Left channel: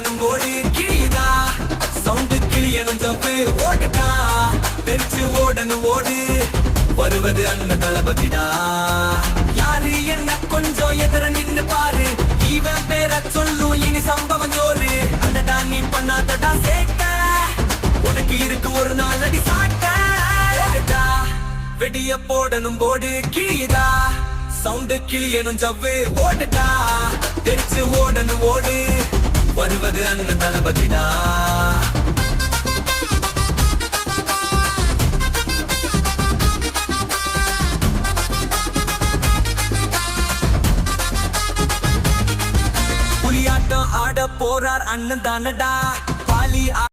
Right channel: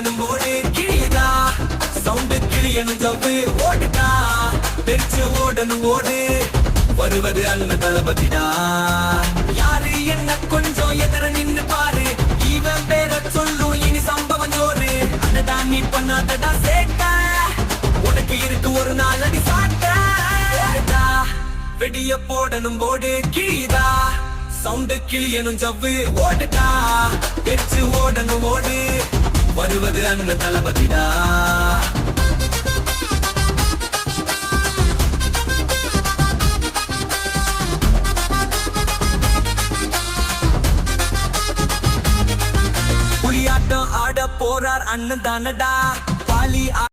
ஓடணும் ஓடு கிழியுதா சவுண்டு கிழியணும் தப்பு ஓடுடா தெரிச்சு ஓடணும் ஓடு வருவது அண்ணன் தளபதிடா யாரு என்ன கொஞ்சம் எதிர நின்னு பாரு இவன் பேர சொல்லும் இனி சம்பவம் ஜோரு அடடா நீ பண்ணாதடா சேட்ட உனக்கு இருக்கு ஒரு நாள் அடி சாட்ட ஓடுடா வெடிய போடணும் போடு கிழியுதா சவுண்டு கிழியணும் ஜவ்வு ஓடுடா தெரிச்சு ஓடணும் ஓடு வருவது அண்ணன் தளபதிடா புலியாட்டம் ஆட போறார் அண்ணன் தானடா பாலி